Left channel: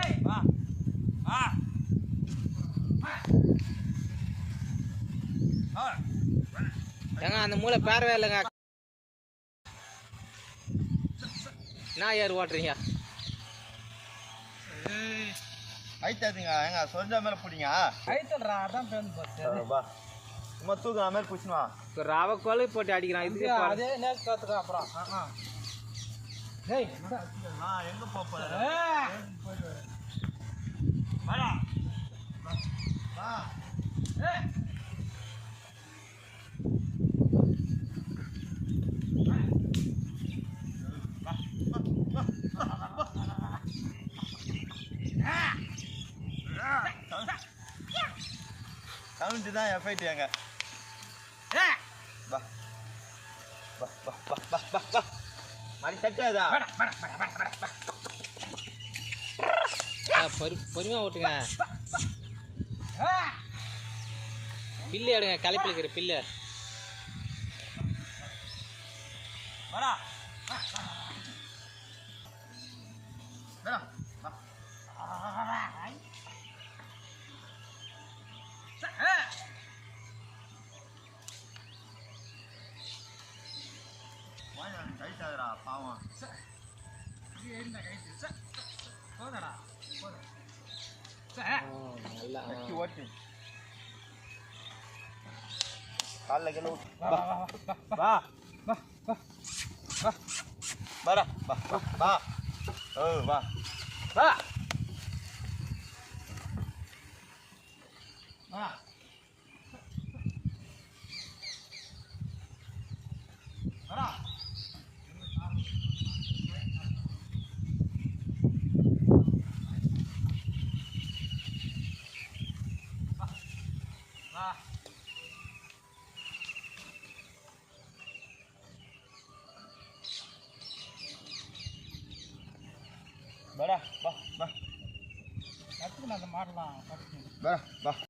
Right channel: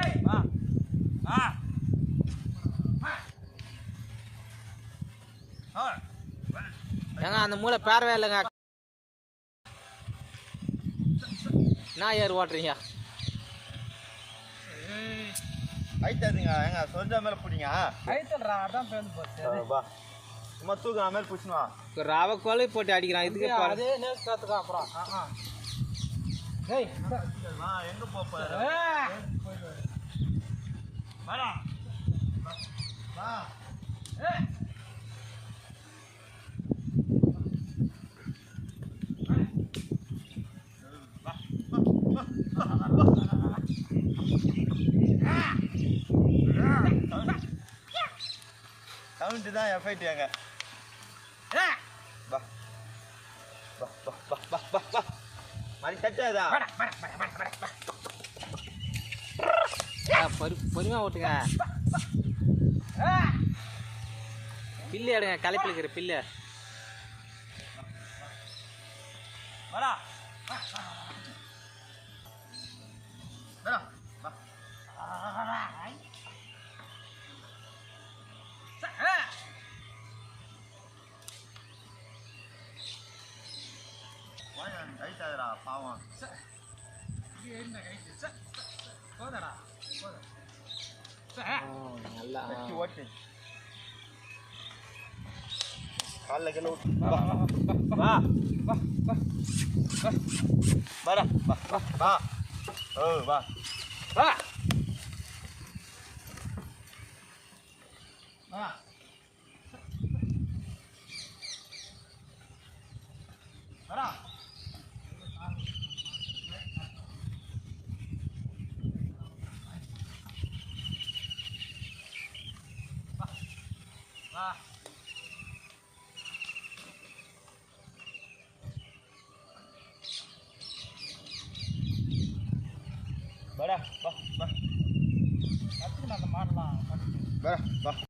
ஏய் வா வா ஆ ஏங்க அந்த மூளை பேரவே இல்லைங்க. என்ன ஏர் ஓட்டுறீங்க? ஐத்தாதுங்க ஏங்க சொந்த மேல பிடிங்க. ஐத்தல்றா அதான் பேருந்து போச்சு. வா. சும்மா தூக்குற மாதிரி பிடிச்சினுவா ரவை கோலை போட்டு அடிக்கிறான் இதுக்கு பாரு. அதே நேரம் காத்துக்கா அப்புறம். ஆ ஆ. ஏய் நான் எங்க போப்ப ஏய் வாடா வா ஏய் கவுண்ட் தான் எஃபைட் ஏங்க பா வா வா வா வா வா வா வா மணி தட்டாதா ஆ, பொறு பொறுமையாக ஓட்டுங்க. பில்லு எடுங்க கலப்பி இருக்கிற பில்லு. வேணா வாங்க ஐத்தாதுடா பாவம் இது என்ன கைது ச போதடா போத நல்லா கட்டி ஓட்டு காலில் கல்ல விட்டு வா வா வா வா வா வா வாடா வா வா வா ஓ வா வா வா Bah, bah, bah. Nanti kena kemar lah. Bah, bah.